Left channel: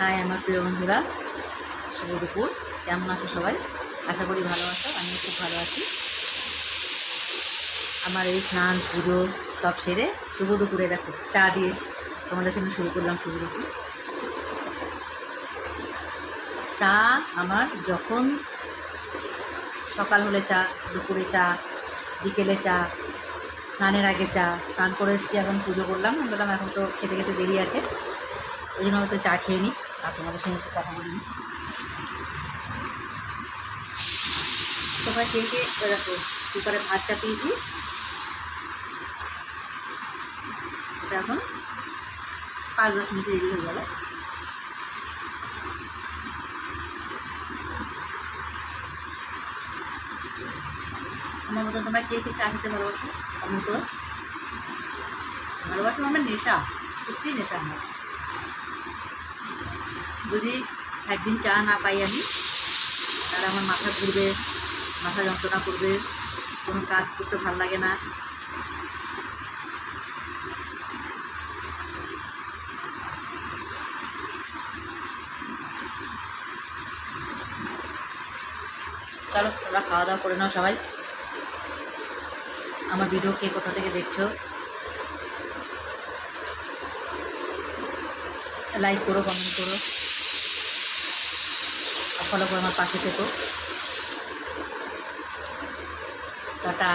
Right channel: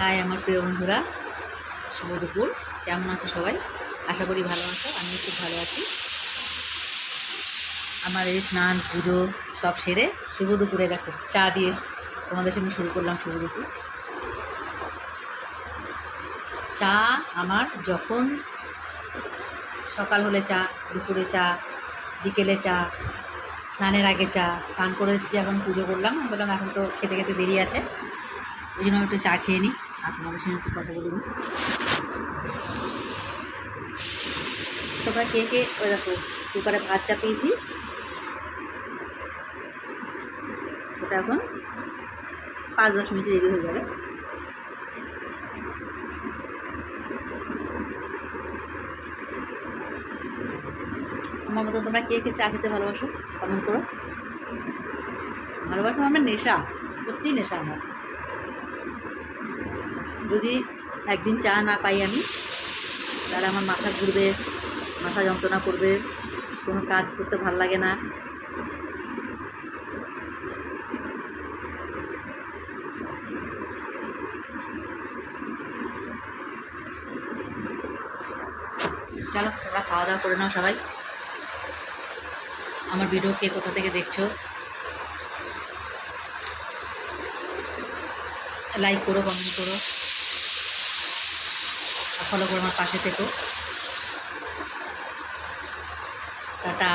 High আমার প্রিয় বন্ধুরা, শুভ দুপুর। কেমন আছো সবাই? আশা করি ভালো আছো। আমিও খুব ভালো আছি। আমার এই স্নান পুজো সব সেরে শুভ দুপুরে দেখো চা দিয়ে তোমাদের সঙ্গে শুরু করলাম শুভ দুপুর। চা আমার যখন সকাল হলে চা, দুপুরে চা, বিকেলে চা, স্নানের আগে চা, স্নান করে এসেছি, এখন পুজো করলাম। বললাম এখন তো খেতে খেতে দেরি আছে, ওই জন্য আমি একটু চা খেয়ে নিই আর তোমাদের সঙ্গে একটু কথা বলি নি। তোমরা কে কে ওই দেখো কুকারে ভাত চাপিয়েছি, এটা এখন 5-10 মিনিটে রেডি হয়ে যাবে। আমার মতন তোমরা কে কে চা খেতে ভালোবাসো কমেন্ট করো। ভালোবাসো আমার নেশা, সত্যিই নেশা আমার। যদি একদিন চা না পাই আমি, তাহলে আমার মাথা ঘুরবে, মাথা যন্ত্রণা করবে, কোনো কাজ করতে ভাল লাগে না। চলো তোমরা খাওয়া দাওয়া করে নাও সবাই। আমার ভিডিও কে কোথা থেকে দেখছো লাইক করো, কমেন্ট করো, ফলো করে আমার পাশে থেকো। টাটা।